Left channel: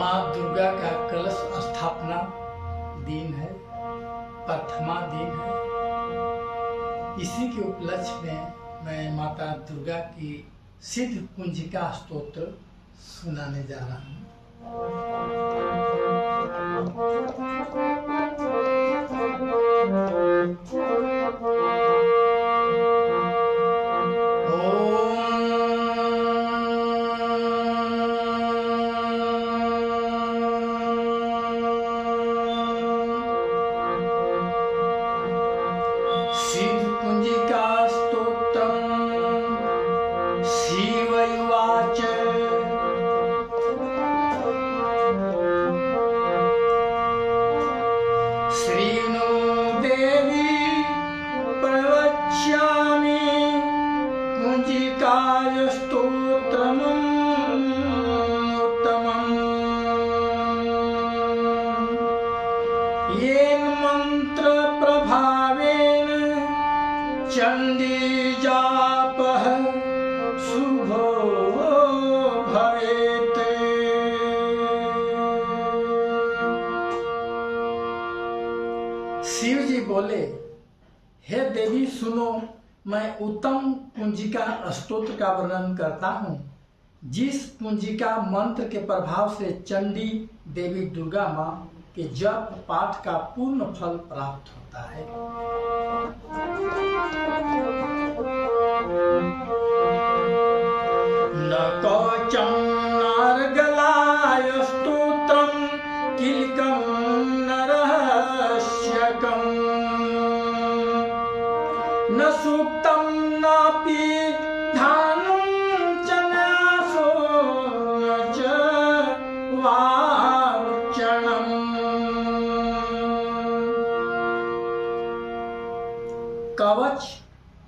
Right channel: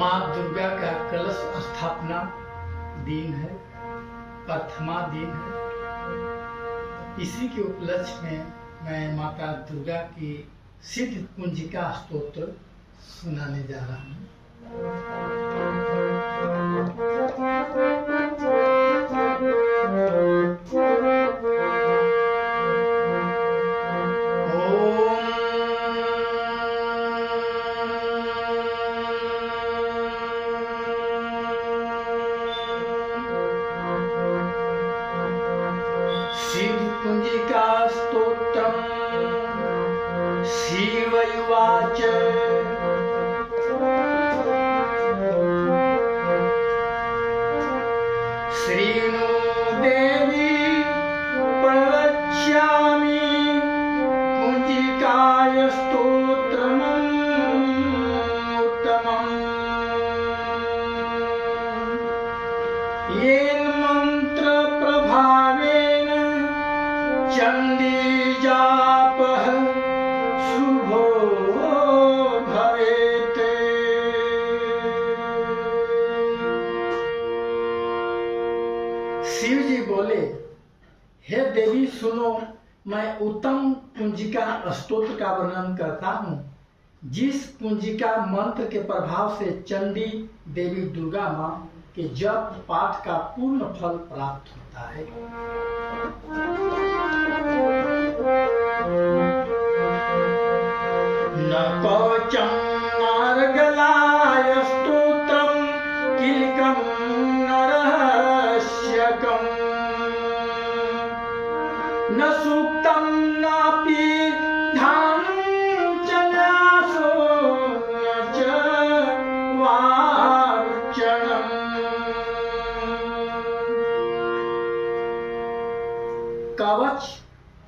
माँ दुर्गा का कलश स्थापना दिन है, प्रथमा दिन है। इसी के उपलक्ष्य में मैं माता दुर्गा की सिद्ध कुंजिका स्तोत्र सुनाने जा रहा हूँ। सिद्ध कुंजिका स्तोत्रम् शिवयुवाच श्रीणो देवी प्रवक्ष्यामि कुंजिकाय स्तोत्रम् उत्तमम् येन मंत्र प्रभावेन चंडी जापः शुभो भवेत्। शिव जी बोले, हे देवी सुनो, मैं उत्तम कुंजिका स्तोत्र का वर्णन करता हूँ, जिस कुंजिका मंत्र के प्रभाव से चंडी देवी दुर्गा माँ के जप पाठ का पूर्ण फल प्राप्त होता है। न कवचम् नार्गलाय स्तोत्रम् किलिकम् न रहस्यकम् न सूक्तम् नापि ध्यानम् च न्यासो न च वार्चनम्। कवच,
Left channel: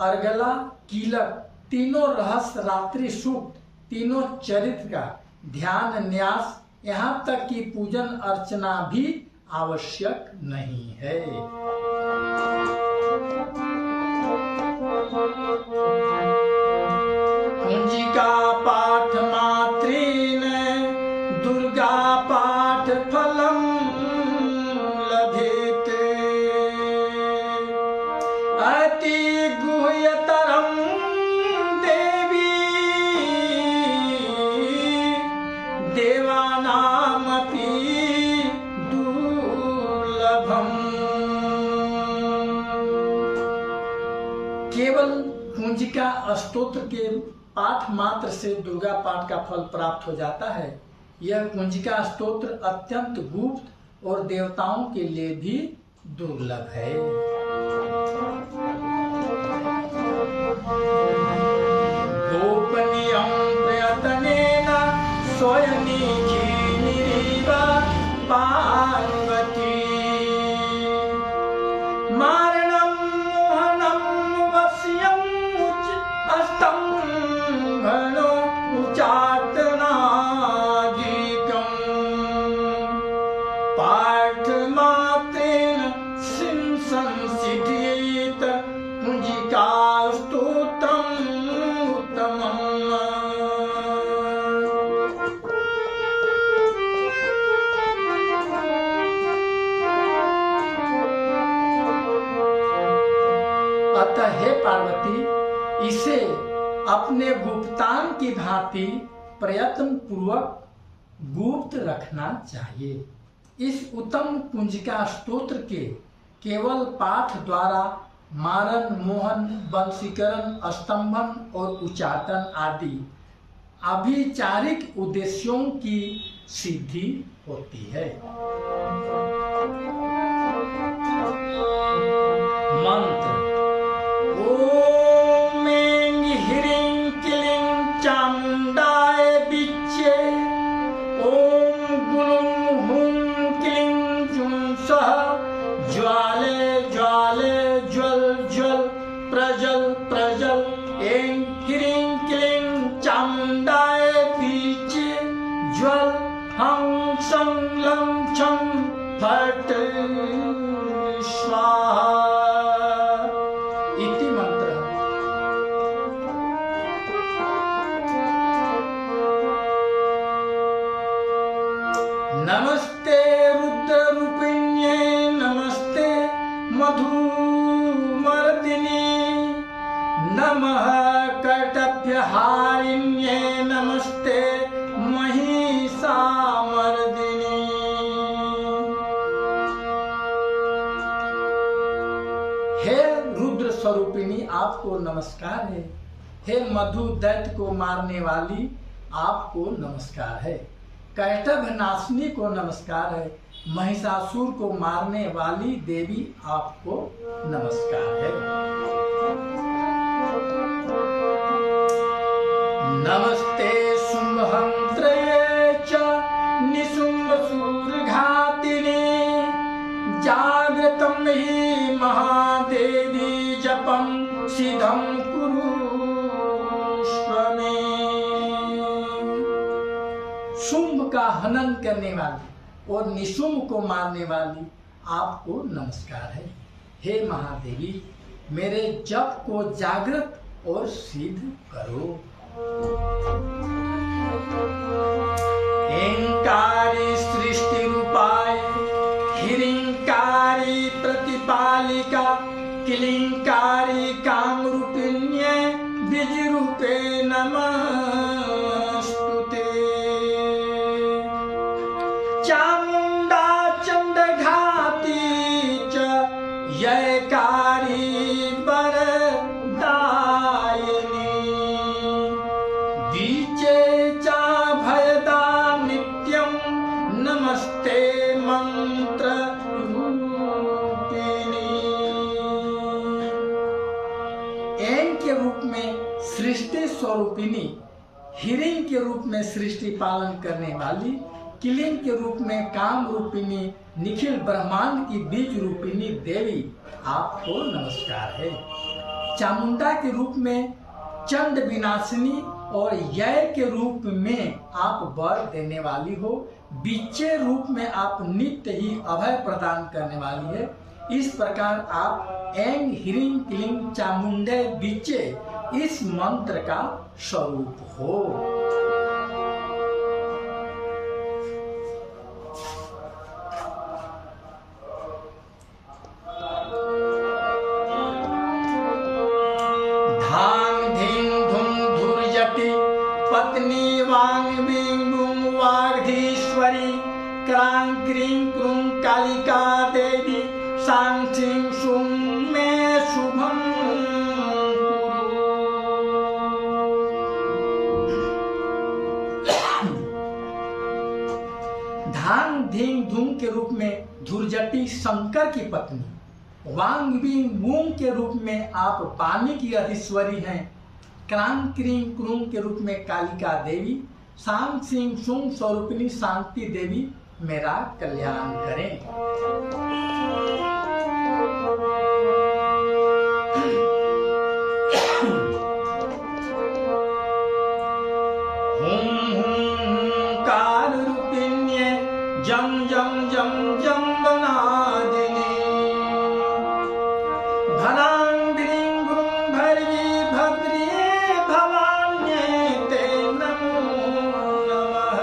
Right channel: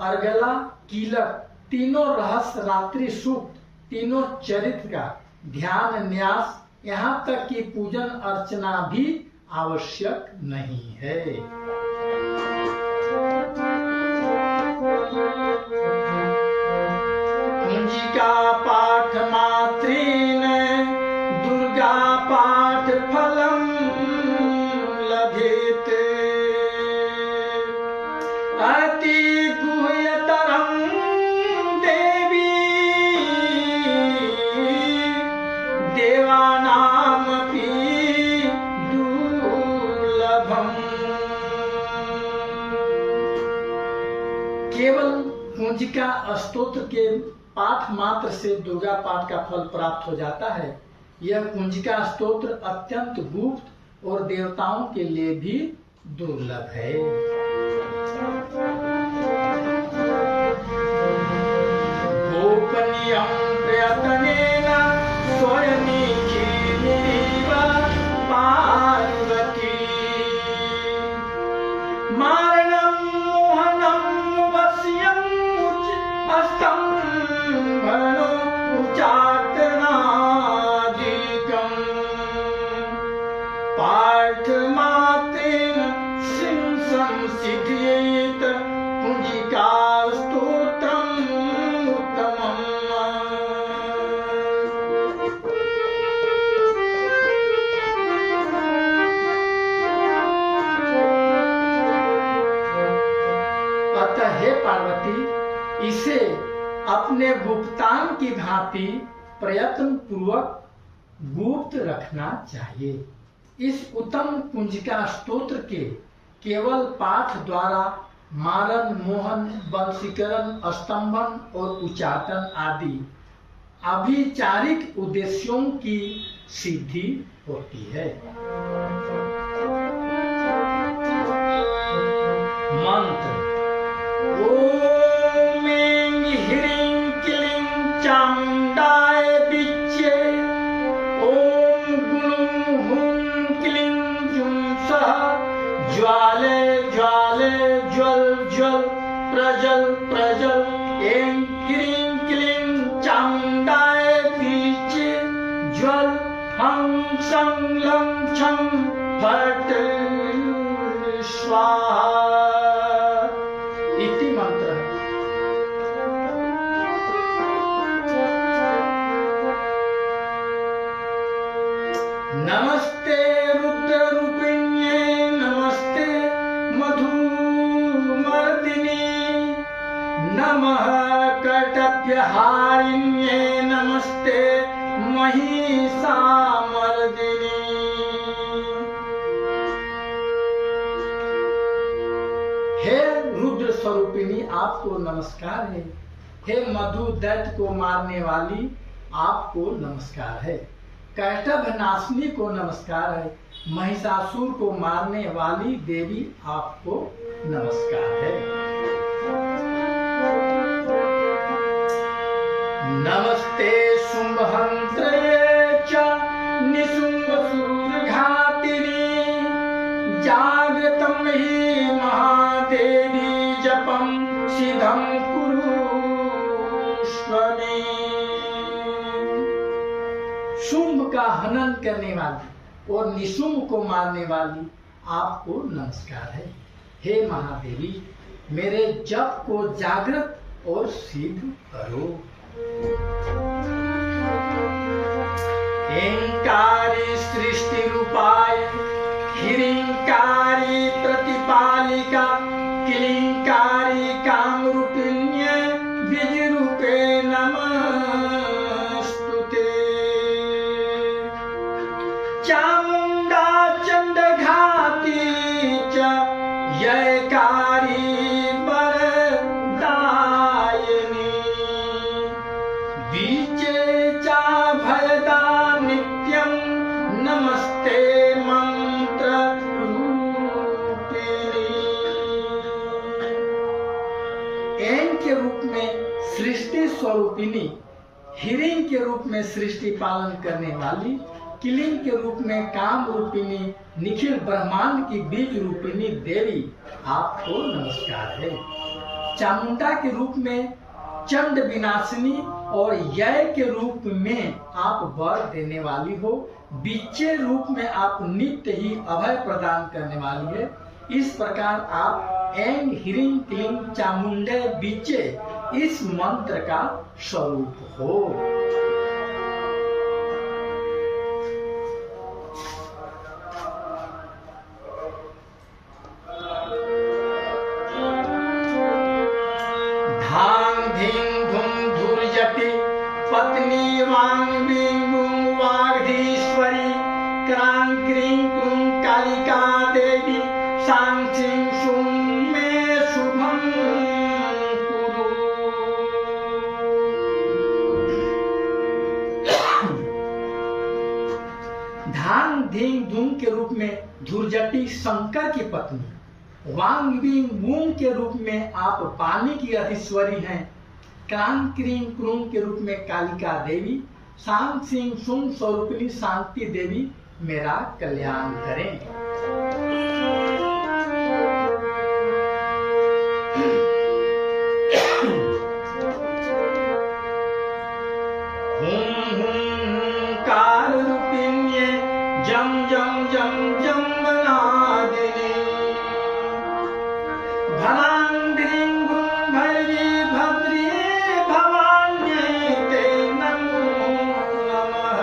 अर्गला, कीलक तीनों रहस्य, रात्रि सूक्त तीनों चरित्र का ध्यान, न्यास, यहाँ तक कि पूजन अर्चना भी आवश्यक नहीं है। कुंजिका पाठ मात्रेण दुर्गा पाठ फलम लभेत। अति गुह्यतरम देवानामपि दुर्लभम्। केवल कुंजिका स्तोत्र के पाठ मात्र से दुर्गा पाठ का फल प्राप्त हो जाता है। यह कुंजिका स्तोत्र अत्यंत गुप्त और देवताओं के लिए भी दुर्लभ है। गोपनीयं प्रयत्नेन स्वयनिखिनिरिव पार्वती मारणं मोहनं वश्यं स्तम्भनो उच्चाटनादिकं पाठमात्रेण संसिद्ध्येत कुंजिका स्तोत्रम् उत्तमम्। अतः हे पार्वती, इसे अपने गुप्तांग की भांति प्रयत्न पूर्वक गुप्त रखना चाहिए। इस उत्तम कुंजिका स्तोत्र के केवल पाठ द्वारा मारण, मोहन, वशीकरण, स्तंभन और उच्चाटन आदि अभिचारिक उद्देश्यों की सिद्धि होती है। मंत्र: ओम ऐं ह्रीं क्लीं चामुंडाय विच्चे। ओम गुणुं हुं क्लीं जुं सः ज्वाले ज्वाले ज्वल ज्वल प्रजल प्रजल। ऐं ह्रीं क्लीं चामुंडाय विच्चे ज्वल हं सं लं छं नमस्ते रुद्ररूपिण्ये नमस्ते मधुमर्दिनी नमः कर्तव्यहारिण्ये नमस्ते महिषामर्दिनी। हे रुद्र स्वरूपिणी आपको नमस्कार है। हे मधु दैत्य को मारने वाली आपको नमस्कार है। कैटभ नाशनी को नमस्कार है। महिषासुर को मारने वाली देवी आपको नमस्कार है। नमस्ते शुंभहंत्रे च निशुंभसूरघातिनी जागृतं हि महादेवी जपं सिद्धं कुरुष्व मे। शुंभ का हनन करने वाली और निशुंभ को मारने वाली आपको नमस्कार है। हे महादेवी मेरे जप को जागृत और सिद्ध करो। एंकारी सृष्टि रूपाय हिरिंकारी प्रतिपालिका किलिंकारी कामरूपिण्ये बीजरूपे नमस्तुते। चामुंडा चंडघाती च ययकारी वरदायिनी बीचे चा भयदा नित्यं नमस्ते मंत्र रूपिणी। एन के रूप में सृष्टि स्वरूपिणी, हिरिंग के रूप में सृष्टि पालन करने वाली, किलिंग के रूप में काम रूपिणी, निखिल ब्रह्मांड की बीज रूपिणी देवी आपको नमस्कार है। चामुंडा के रूप में चंड विनाशिनी और यय के रूप में आप वर देने वाली हो। बीचे रूप में आप नित्य ही अभय प्रदान करने वाली है। इस प्रकार आप एंग हिरिंग किलिंग चामुंडे बीचे इस मंत्र का स्वरूप हो। धांग धींग धुम धुर्जटी पत्नी वांग बिंग बुंग वागधीश्वरी क्रांग क्रीं क्रूं कालिका देवी सांग सिंह सुं मे शुभं कुरु। धांग धींग धूम के रूप में धुर्जटी शंकर की पत्नी, वांग बिंग मूंग के रूप में आप पानी की अधीश्वरी हैं, क्रांग क्रीं क्रूं के रूप में कालिका देवी, सांग सिंह सुंग स्वरूपिणी शांति देवी मेरा कल्याण करें। हुं कार रूपिण्ये जम जम जम जम बनादिनी भरांग द्रीं गुं भैरी भद्रिये भवान्ये ते नमो नमः।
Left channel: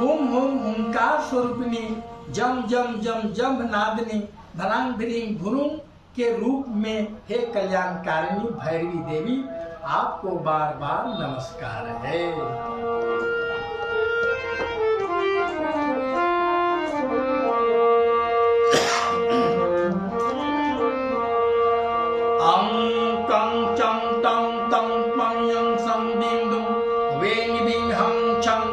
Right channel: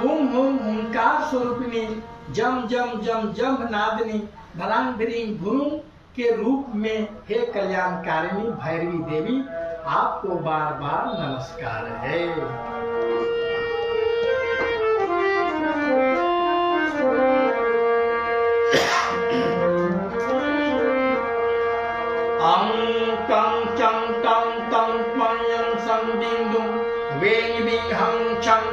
हुम हुम हुंकार स्वरूपिणी जम जम जम जम नादिनी भरांग द्रीं गुरुं के रूप में हे कल्याणकारिणी भैरवी देवी आपको बार बार नमस्कार है। अं कं चं तं तं पं यं सं बिंदुं वें बिं हं छं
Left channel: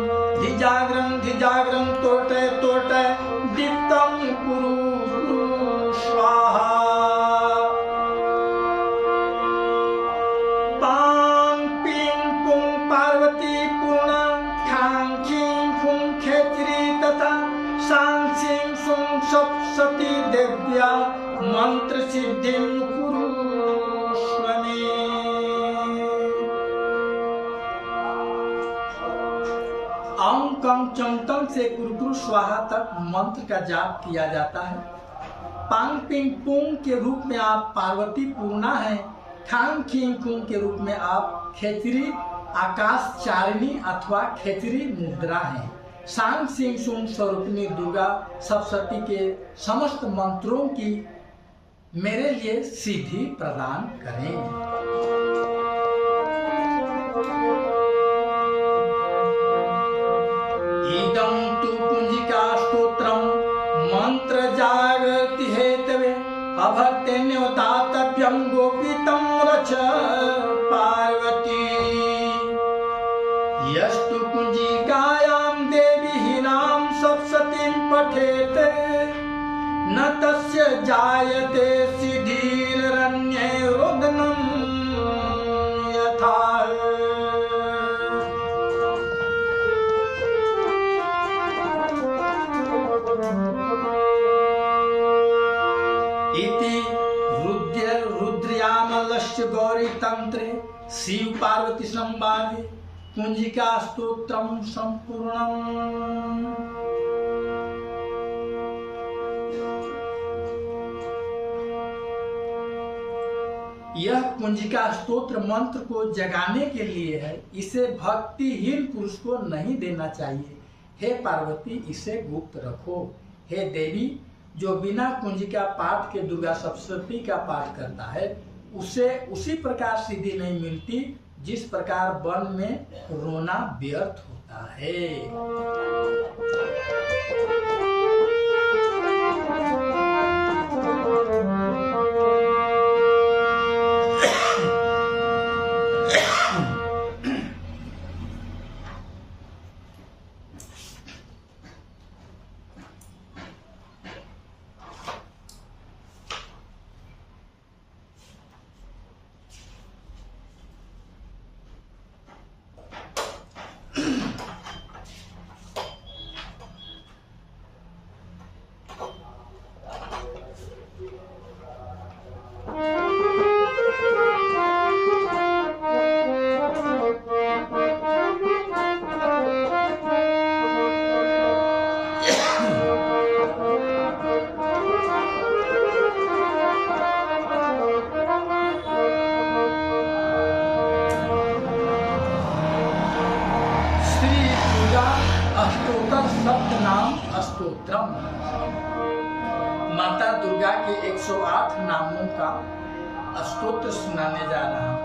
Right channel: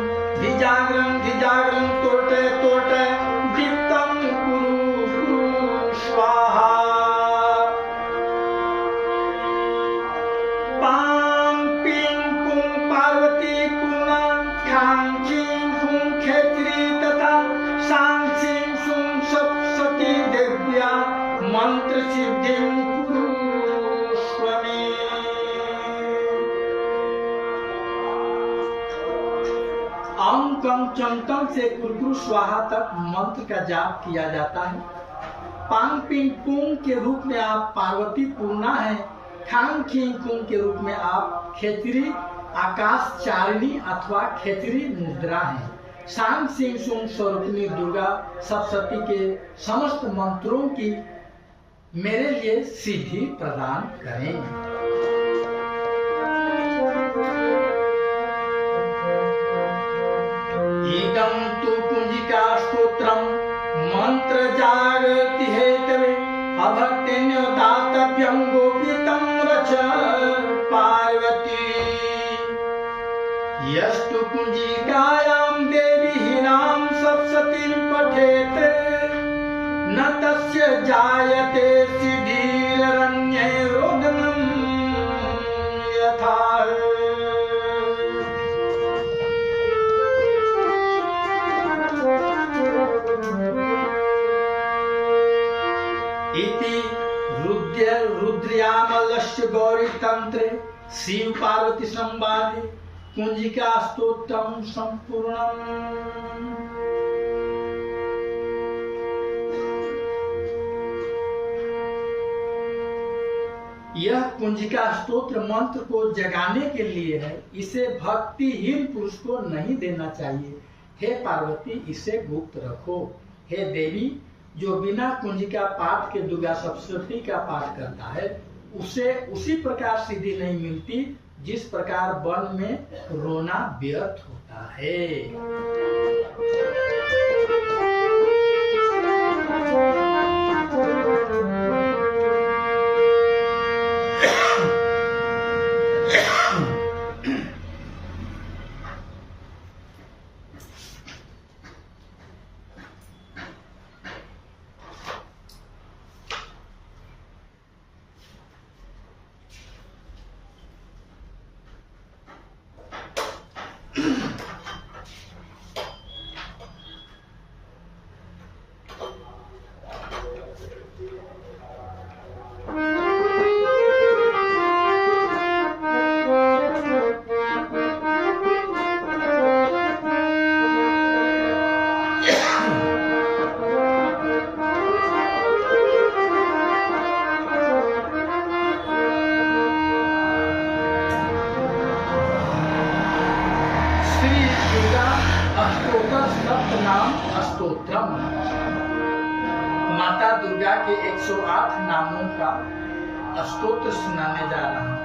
धिजाग्रं तोटे तोटे दीप्तं कुरु कुरु स्वाहा। पां पिं पुं पार्वती पूर्णा खां खीं खुं खेत्री तथा सां सिं सुं सप्तशती देव्या मंत्र सिद्धिं कुरुष्व मे। अं कं चं तं से कुरु स्वाहा तक मंत्र का जाप किया जाता है। पांग पिंग पुंग के रूप में आप पार्वती पूर्णा हैं। खांग खींग कुंग के रूप में आप खेचरी आकाश चारिणी अथवा खेचरी मुद्रा हैं। सांग सिंह सुन स्वरूपिणी दुर्गा सप्तशती के समस्त मंत्रों की मेरे लिए सिद्धि प्रदान करें। इदं तु कुंजिका स्तोत्रम मंत्र जागृति हेतवे अभक्तेन दातव्यं गोपितं रच पार्वती। यस्तु कुंजिकायां देवी हीनां सप्तशतीं पठेत् न तस्य जायते सिद्धिररण्ये रोदनं यथा। इति रुद्रयामलस्य गौरी तंत्रे शिव पार्वती संवादे कुंजिका स्तोत्रम संपूर्णम्। यह कुंजिका स्तोत्र मंत्र को जगाने के लिए है, इसे भक्तिहीन पुरुष को नहीं देना चाहिए। हे पार्वती, इसे गुप्त रखो। हे देवी, जो बिना कुंजिका पाठ के दुर्गा सप्तशती का पाठ करता है उसे उसी प्रकार सिद्धि नहीं मिलती जिस प्रकार वन में रोना व्यर्थ होता है। माता दुर्गा के 108 नामों का स्तोत्र सुनाने जा रहा हूँ।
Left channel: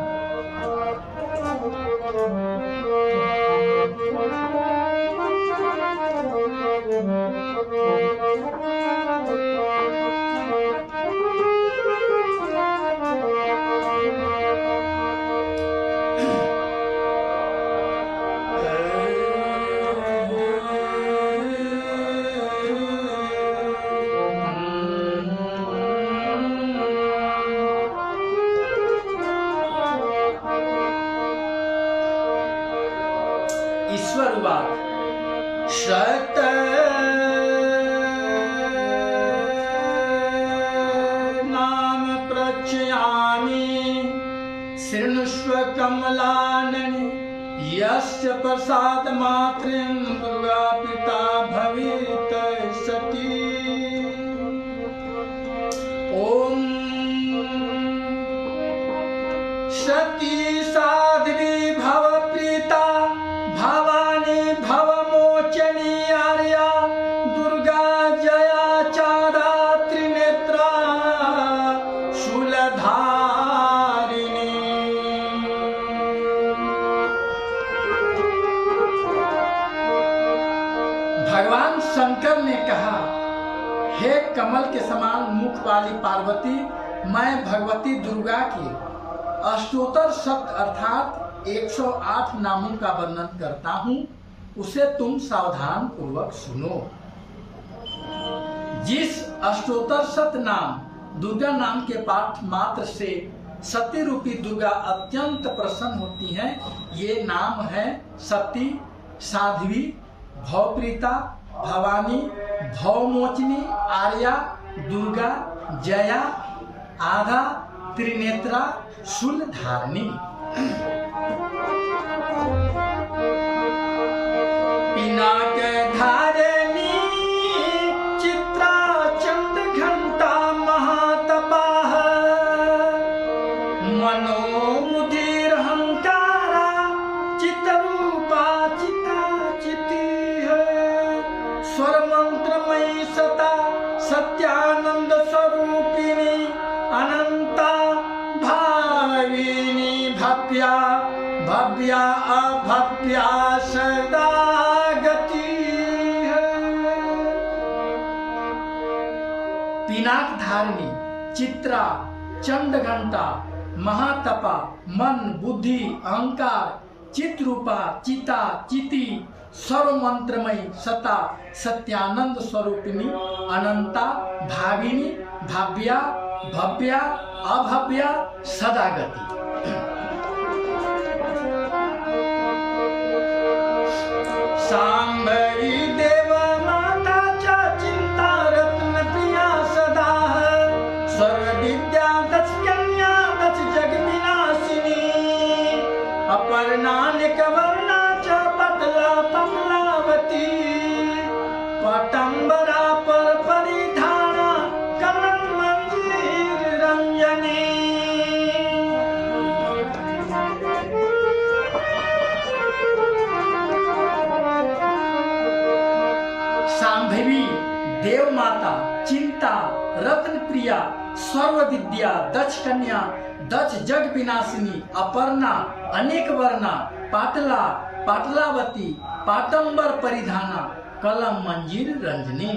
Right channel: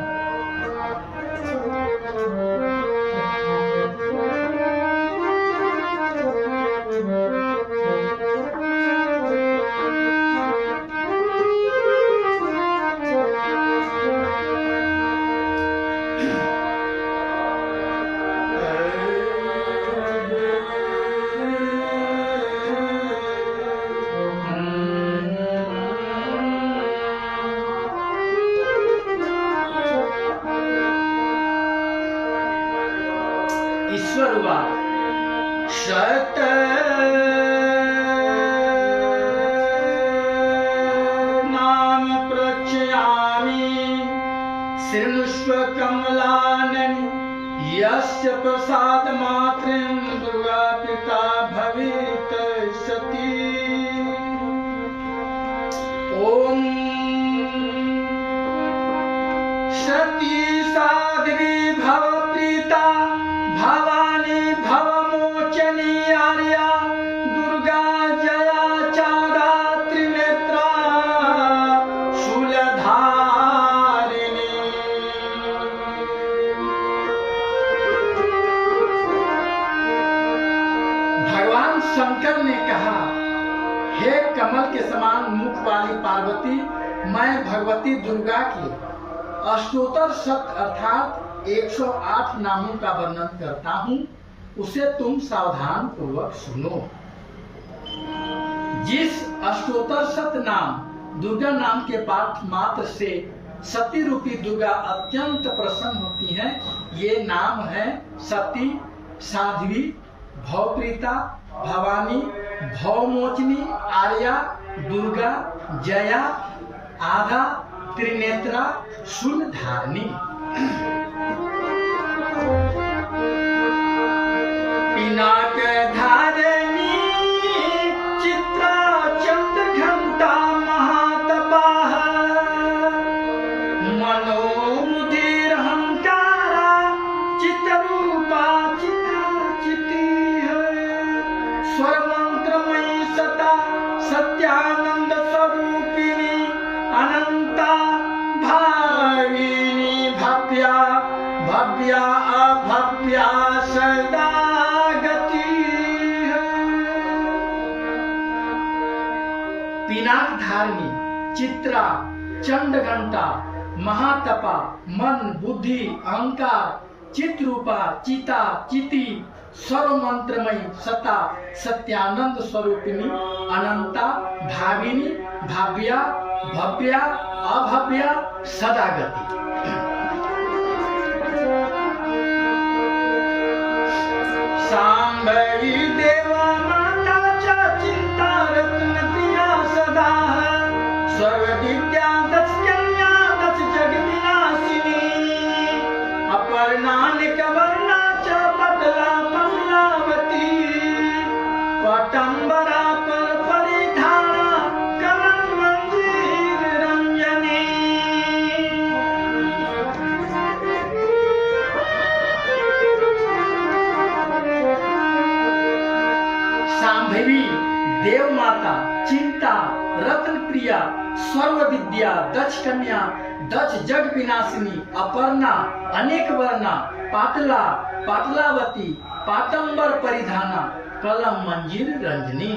सत नाम प्रचयामि शृणुष्व कमलाननि यस्य प्रसाद मात्रं दुर्गा पिता भवेत् सती। ओम सती साध्वी भवप्रीता भवानी भवमोचनी आर्या दुर्गा जया चादा त्रिनेत्रा शूलधारिणी। भगवान शंकर ने कहा, हे कमल के समान मुख वाली पार्वती, मैं भगवती दुर्गा की अष्टोत्तर शत अर्थात 108 नामों का वर्णन करता हूँ, उसे तुम सावधान पूर्वक सुनो। जिस अष्टोत्तर शत नाम दुर्गा नाम के पाठ मात्र से सती रूपी दुर्गा अत्यंत प्रसन्न होती हैं, ये नाम है सती, साध्वी, भवप्रीता, भवानी, भवमोचनी, आर्या, दुर्गा, जया, आधा, त्रिनेत्रा, शूलधारिणी। पिनाक धारिणी चित्रा चंद्रघंटा महातपाः मनोमुदिरहंकारा चित्तरूपा चित्ताचितिः। सता सत्यानंद स्वरूपिणी अनंता भाविनी भव्या भव्या अभव्या सदा गति है। पिनाक धारिणी चित्रा चंडघंटा महातपा मन बुद्धि अहंकार चित्रूपा चिता चिति सर्व मंत्रमयी सता सत्यानंद स्वरूपिणी अनंता भाविनी भाव्या भव्या अभव्या सदागति। सांभवी देवा माता च चिंता रत्न प्रिया सदा सर्व विद्या दस कन्या दस जग विनाशिनी अपर्णानिक वर्णा च पतला कमलावती पटंबरा पर परिधाना कमल मंजीर रंजनी। सांभवी देव माता चिंता रत्न प्रिया सर्व विद्या दक्ष कन्या दक्ष जग विनाशिनी अपर्णा अनेक वर्णा पाटला पाटलावती पाटंबर परिधाना कलम मंजीर रंजनी।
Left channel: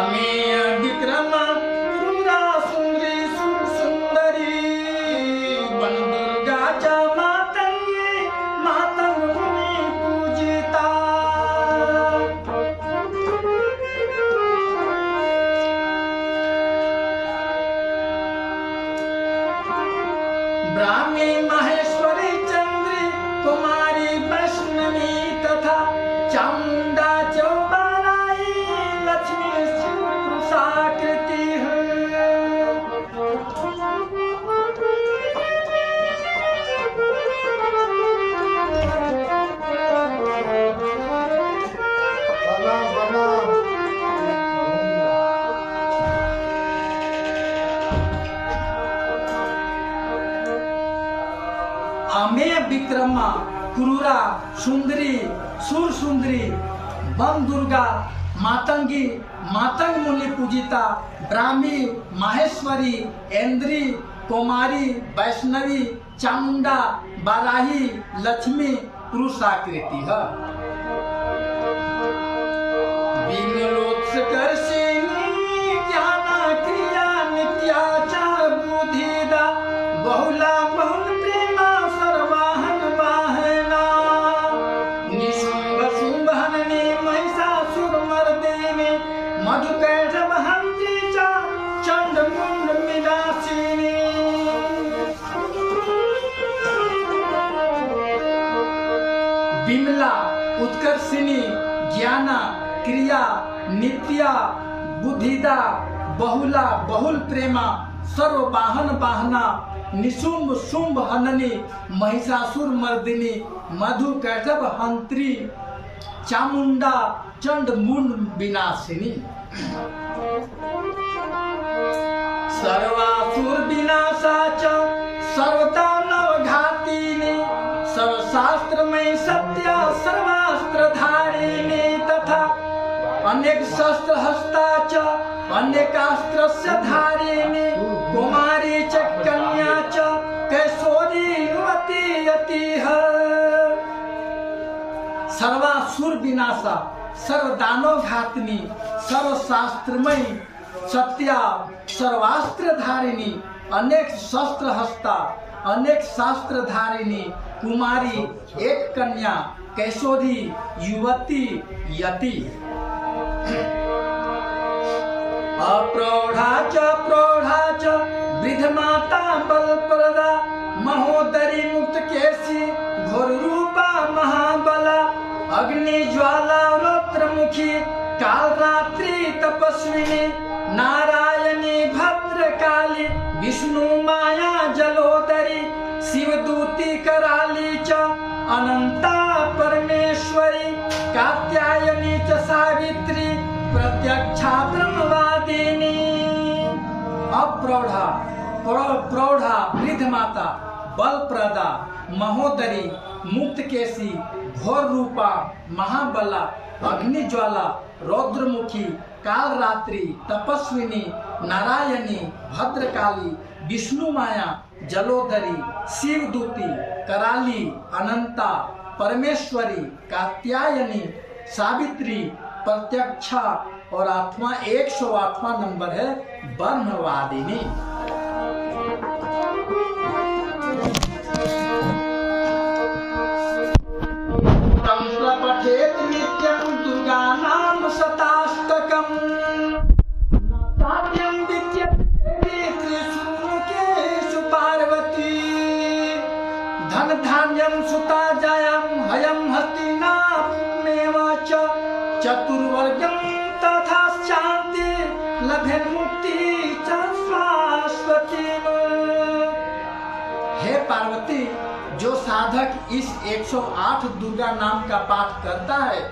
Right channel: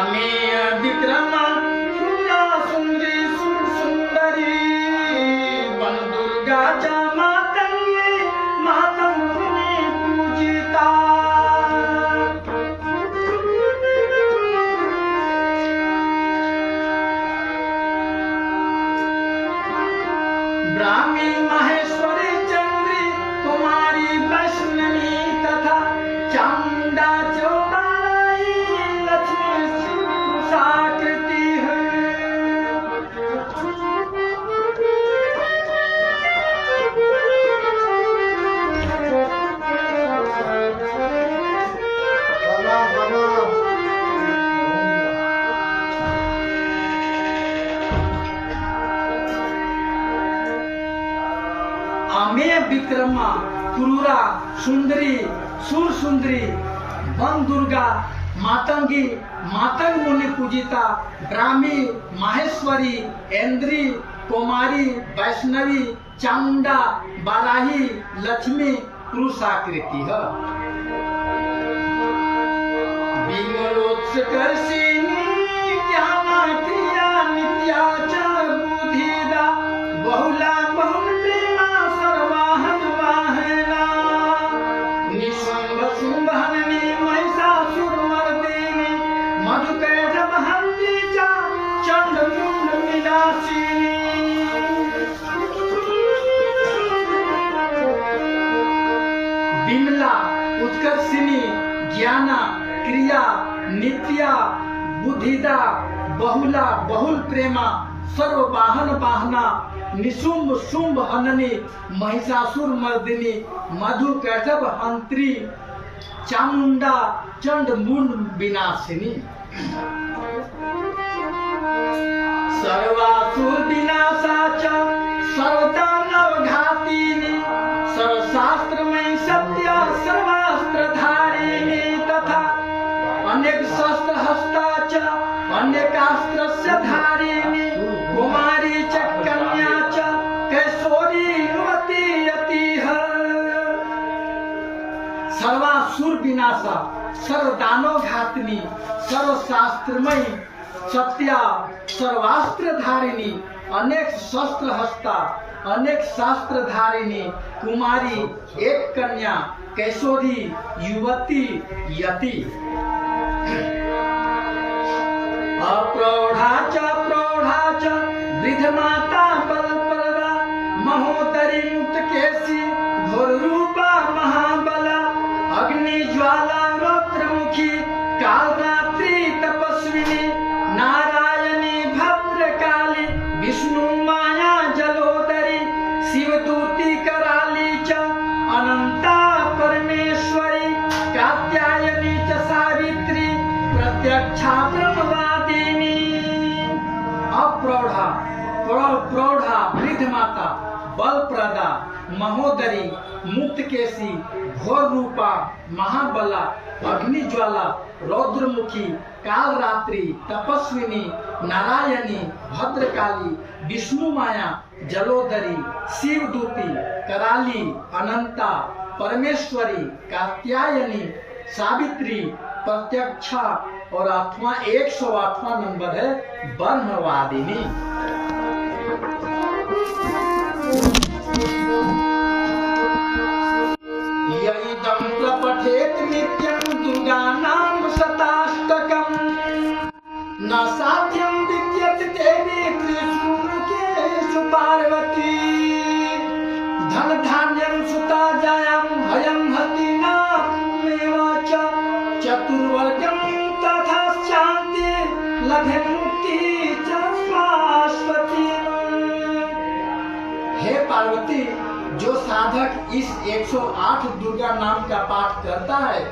अमेय विक्रमा क्रूरा सुंदरी सुंदरी वन दुर्गा च मातंगे मातंग मुनि पूजिता ब्राह्मी महेश्वरी चंद्री कुमारी वैष्णवी तथा चामुंडा चौबाराई लक्ष्मी साकृति है। अमेय विक्रमा क्रूरा सुंदरी सुर सुंदरी वन दुर्गा मातंगी मातंग मुनि पूजिता ब्राह्मी माहेश्वरी इंद्री कुमारी वैष्णवी चामुंडा बाराही लक्ष्मी पुरुषाकृति है। विमलोत्कर्षिणी ज्ञाना क्रिया नित्या च बुद्धिदा बहुला बहुल प्रेमा सर्वाहन वाहना निशुंभ शुंभहननी महिषासुरमर्दिनी मधुकैटभहन्त्री च चण्डमुण्ड विनाशिनी। विमला उत्कर्षिणी ज्ञाना क्रिया नित्या बुद्धिदा बहुला बहुल प्रेमा सर्ववाहन वाहना निशुंभ शुंभ हननी महिषासुर मर्दिनी मधु कैटभ हंत्री चामुंडा चंड मुंड विनाशिनी। सर्वासुर विनाशा च सर्वदानव घातिनी सर्वशास्त्रमयी सत्य सर्वास्त्र धारिणी तथा अनेक शस्त्र हस्ता च अनेकास्त्रस्य धारिणी कुमारी च कन्या च कैशोरी युवती यतिः। सर्वासुर विनाशा सर्वदानव घातिनी सर्वशास्त्रमयी सत्या सर्वास्त्र धारिणी अनेक शस्त्र हस्ता अनेक शास्त्र धारिणी कुमारी एक कन्या कैशोरी युवती यति। अप्रौढ़ा च वृद्ध माता बलप्रदा महोदरी मुक्त केसी घोर रूपा महाबला अग्नि ज्वाला रौद्रमुखी काल रात्रि तपस्विनी नारायणी भद्रकाली विष्णु माया जलोदरी शिवदूती कराली च अनंता परमेश्वरी कात्यायनी च सावित्री प्रत्यक्षा ब्रह्मवादिनी। अप्रौढ़ा प्रौढ़ा वृद्ध माता बलप्रदा, महोदरी, मुक्तकेशी, घोर रूपा, महाबला, अग्निज्वाला, रौद्रमुखी, कालरात्रि, तपस्विनी, नारायणी, भद्रकाली, विष्णु माया, जलोदरी, शिवदूती, कराली, अनंता, परमेश्वरी, कात्यायनी, सावित्री, प्रत्यक्षा और 108वां नंबर है ब्रह्मवादिनी। यदि तं प्रपठेत नित्यं दुर्गानां शताष्टकम् न साध्यं विद्यत देवी त्रिशूलकेषु पार्वती। धन धान्यं सुता जायं हयं हस्तिनापुरमेव च चतुर्वर्गं तथा शान्ति लभे मुक्ति च शाश्वती। हे पार्वती, जो साधक इस 108 दुर्गा नाम का पाठ करता है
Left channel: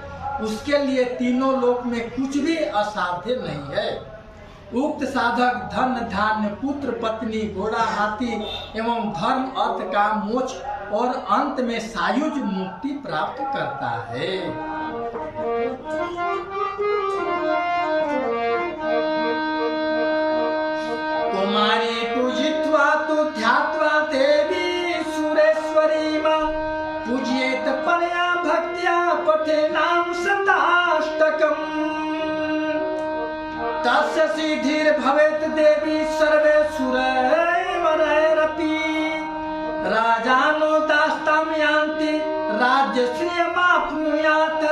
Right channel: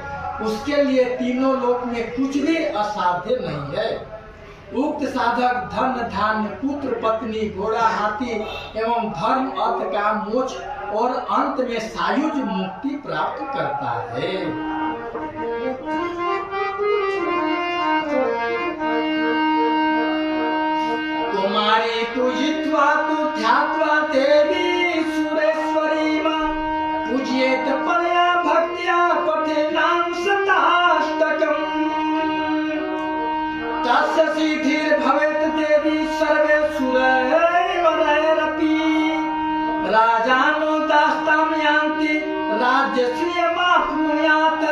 उसके लिए तीनों लोक में कुछ भी असाध्य नहीं है। उक्त साधक धन धान्य पुत्र पत्नी घोड़ा हाथी एवं धर्म अर्थ का मोक्ष और अंत में सायुज मुक्ति प्राप्त करता है। कुमारी पूजित्वा तु ध्यात्वा देवी पूज्येत परया भक्त्या पठेनां शताष्टकम् तस्य सिद्धिर्भवेत् देवी सर्वे सुरैरपि। राजानो दास्तां यान्ति राज्यश्रियमाप्नुयात्।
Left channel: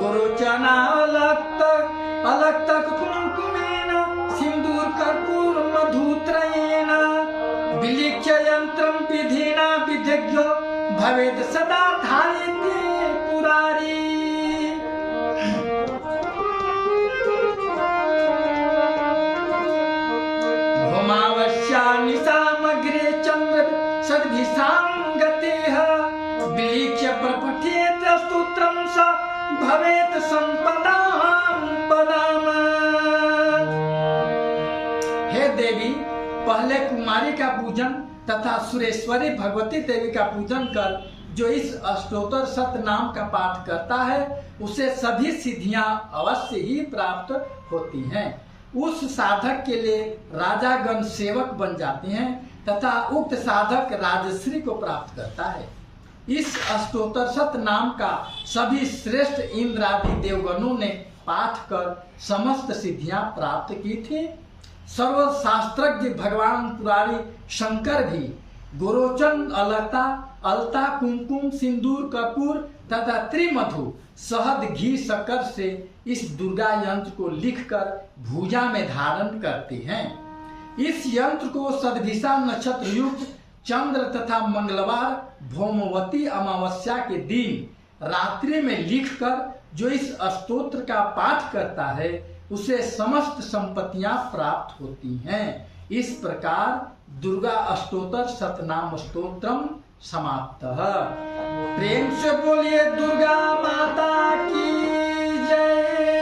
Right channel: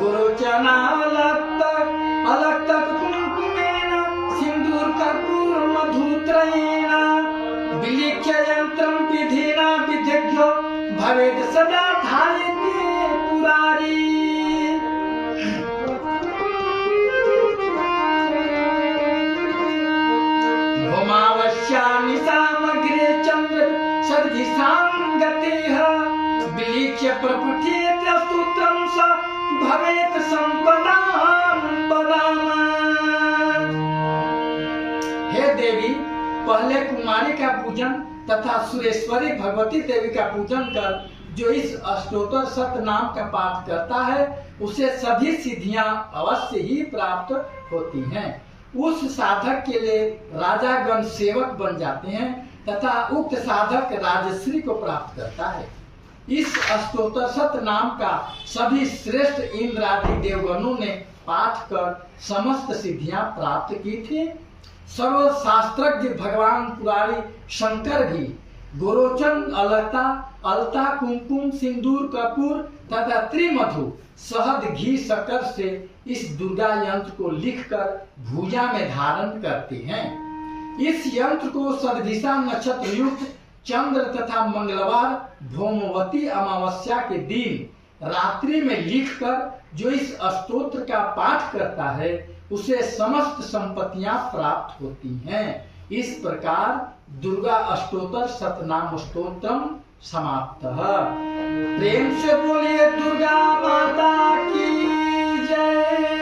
गुरुचनालक्त कुङ्कुमेन सिन्दूरकर्पूरमधुत्रयेण विलिख्य यन्त्रं विधिना विधिज्ञो भवेद सदा धारयते पुरारी। भौमावस्यामि सामग्रे चन्द्र सद्दिशां गतेः विलिख्य प्रपठेत स्तोत्रं स भवेत् संपदां पदाम्। हे देवी, पहले कुमारी का पूजन तथा सुरेश्वरी भगवती देवी का पूजन कर जो इस अष्टोत्तर सत नाम का पाठ करता है उसे सभी सिद्धियां अवश्य ही प्राप्त होती हैं। उस साधक के लिए राजागण सेवक बन जाते हैं तथा उक्त साधक राजश्री को प्राप्त करता है। इस अष्टोत्तर सत नाम का सभी श्रेष्ठ इंद्र आदि देवगणों ने पाठ कर समस्त सिद्धियां प्राप्त की थी। सर्व शास्त्रज्ञ भगवान पुरारी शंकर भी गोरोचन, अलता, अलता, कुमकुम, सिंदूर, कपूर तथा त्रिमधु, शहद, घी, शक्कर से इस दुर्गा यंत्र को लिखकर भुजा में धारण करते हैं। इस यंत्र को सद्दिशा नक्षत्र युक्त चंद्र तथा मंगलवार भौमवती अमावस्या के दिन रात्रि में लिखकर जो इस स्तोत्र का पाठ करता है उसे समस्त संपत्तियां प्राप्त होती हैं। इस प्रकार दुर्गा अष्टोत्तर सतनाम स्तोत्रम समाप्त। प्रेम से बोलिए दुर्गा माता की जय।